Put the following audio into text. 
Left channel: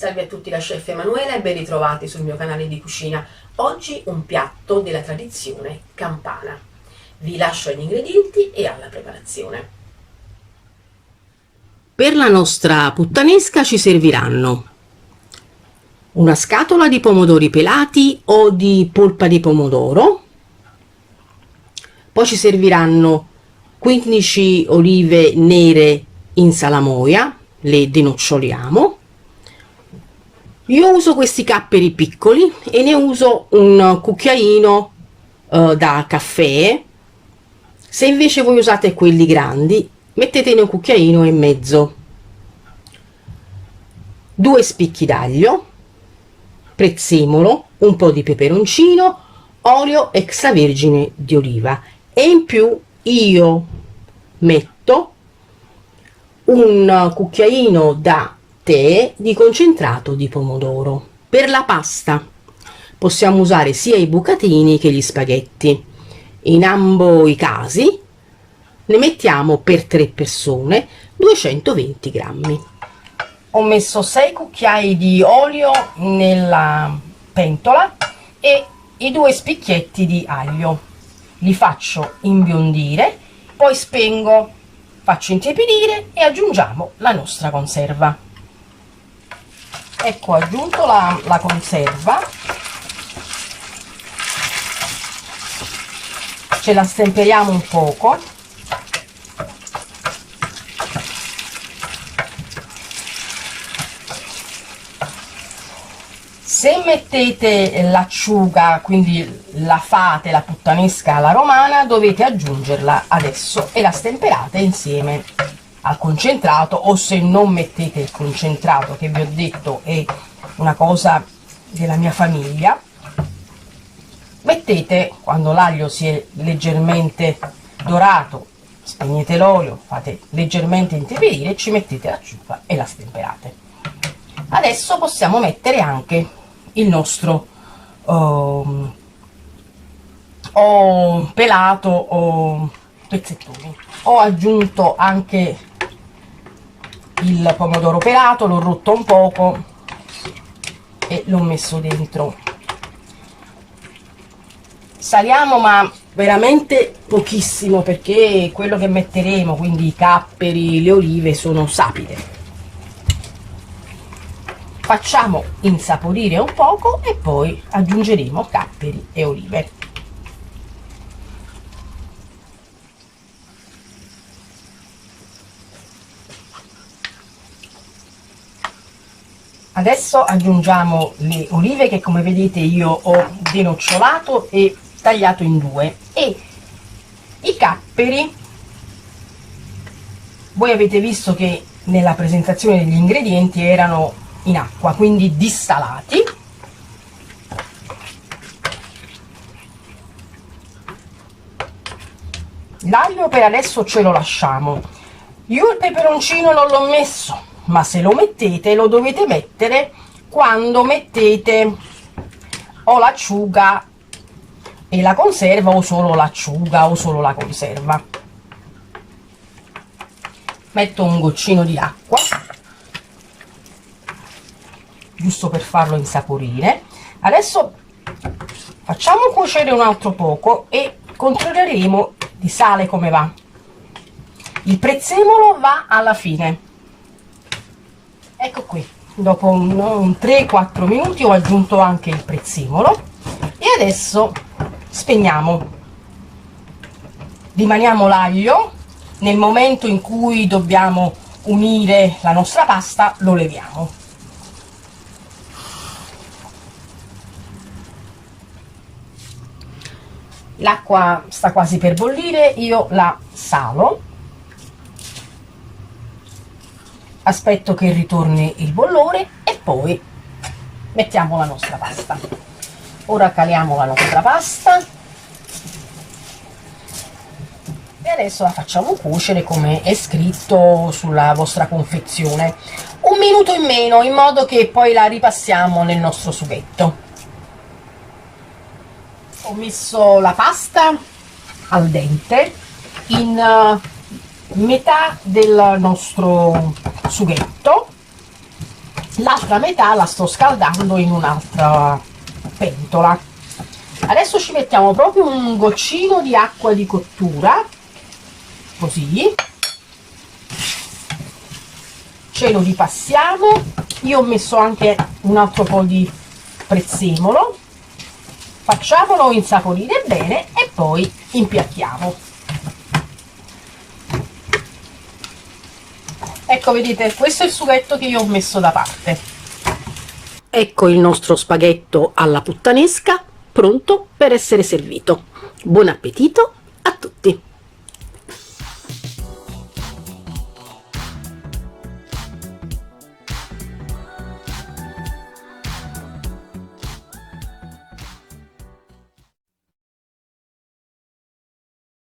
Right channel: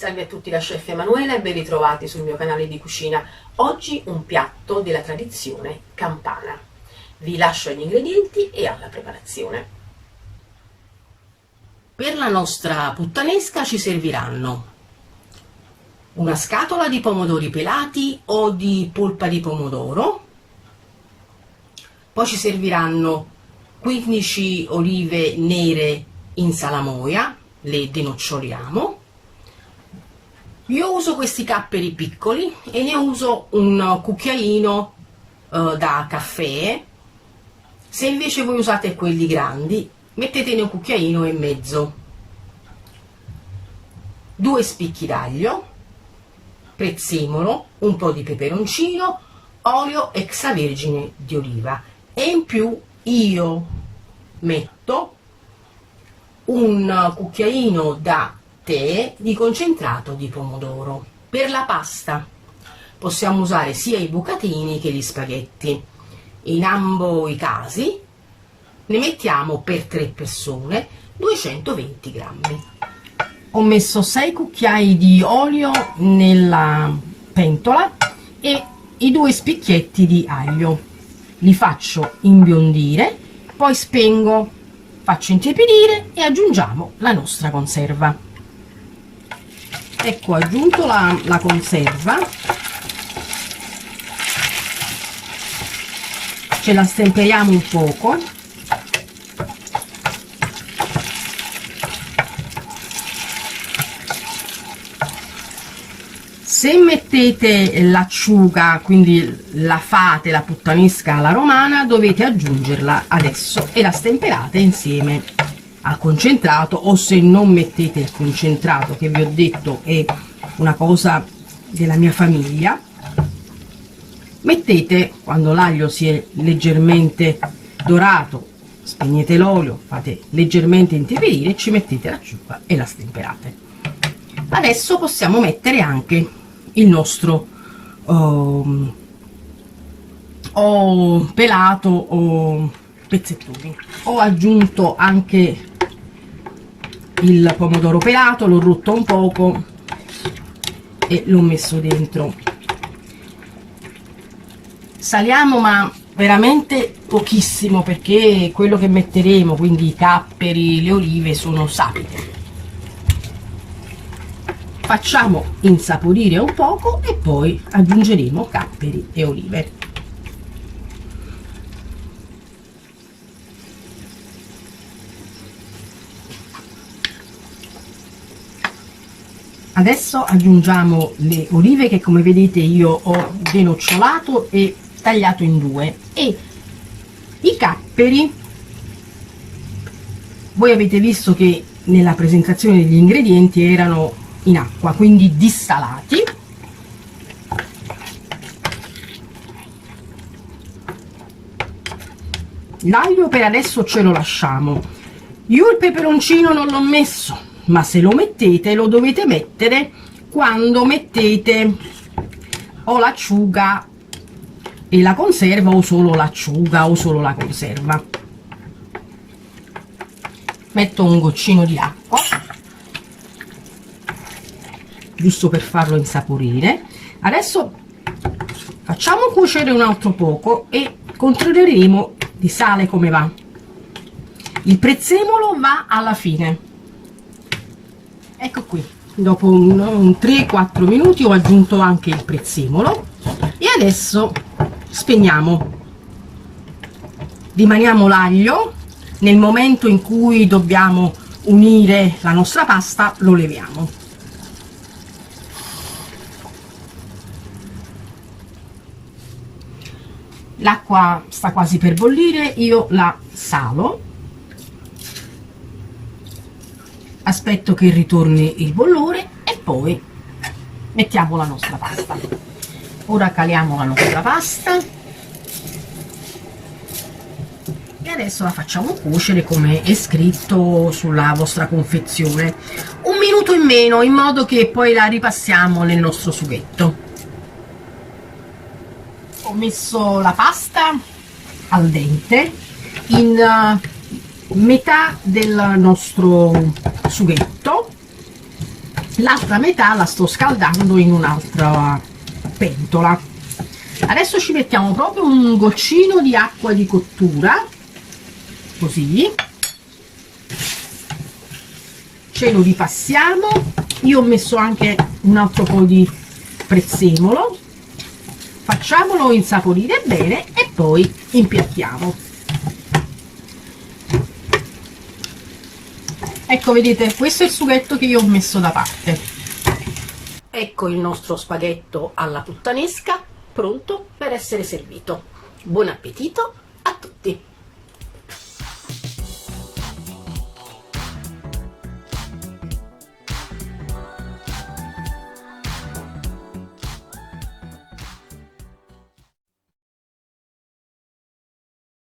Salve a tutti, la chef Emanuela e ben ritrovati sul mio canale di cucina. Oggi un piatto della tradizione campana. Vi lascio agli ingredienti e alla preparazione. Per la nostra puttanesca ci serviranno una scatola di pomodori pelati o di polpa di pomodoro, poi ci serviranno 15 olive nere in salamoia, le denoccioliamo. Io uso questi capperi piccoli e ne uso un cucchiaino da caffè. Se invece voi usate quelli grandi, mettetene un cucchiaino e mezzo. 2 spicchi d'aglio, prezzemolo, un po' di peperoncino, olio extravergine di oliva, e in più io metto un cucchiaino da tè di concentrato di pomodoro. Per la pasta possiamo usare sia i bucatini che gli spaghetti. In ambo i casi ne mettiamo per 3 persone 220 grammi. Ho messo 6 cucchiai di olio nella pentola e i 2 spicchietti di aglio. Li faccio imbiondire, poi spengo, faccio intiepidire e aggiungiamo la nostra conserva. Ecco, ho aggiunto la conserva, ce la stemperiamo un poco. Se mettete l'acciuga, quindi la fate, la puttanesca alla romana, dovete aggiungerla adesso e la stemperate insieme al concentrato, o se non mettete il concentrato, che vi ho detto è una cosa della mia famiglia, mettete, quando l'aglio si è leggermente dorato, spegnete l'olio, fate leggermente intiepidire, ci mettete l'acciuga e la stemperate. Adesso possiamo mettere anche il nostro o pelato o pezzettoni. Ho aggiunto anche il pomodoro pelato, l'ho rotto un poco e l'ho messo dentro. Saliamo, ma veramente pochissimo, perché quello che metteremo, quindi i capperi, le olive, sono sapide. Facciamo insaporire un poco e poi aggiungeremo capperi e olive. Adesso aggiungiamo le olive, che come vedete io ho denocciolato e tagliato in 2, e i capperi. Voi avete visto che nella presentazione degli ingredienti erano in acqua, quindi dissalati. L'aglio per adesso ce lo lasciamo. Io il peperoncino non l'ho messo, ma se lo mettete lo dovete mettere quando mettete o l'acciuga e la conserva, o solo l'acciuga o solo la conserva. Metto un goccino di acqua, giusto per farlo insaporire. Adesso facciamo cuocere un altro poco e controlleremo di sale come va. Il prezzemolo va alla fine. Ecco qui, dopo un 3-4 minuti ho aggiunto anche il prezzemolo e adesso spegniamo. Rimaniamo l'aglio. Nel momento in cui dobbiamo unire la nostra pasta lo leviamo. L'acqua sta quasi per bollire, io la salo, aspetto che ritorni il bollore e poi mettiamo la nostra pasta. Ora caliamo la nostra pasta e adesso la facciamo cuocere come è scritto sulla vostra confezione, 1 minuto in meno, in modo che poi la ripassiamo nel nostro sughetto. Ho messo la pasta al dente in metà del nostro sughetto, l'altra metà la sto scaldando in un'altra pentola. Adesso ci mettiamo proprio un goccino di acqua di cottura, così ce lo ripassiamo. Io ho messo anche un altro po' di prezzemolo, facciamolo insaporire bene e poi impiattiamo. Ecco, vedete, questo è il sughetto che io ho messo da parte. Ecco il nostro spaghetto alla puttanesca pronto per essere servito. Buon appetito a tutti!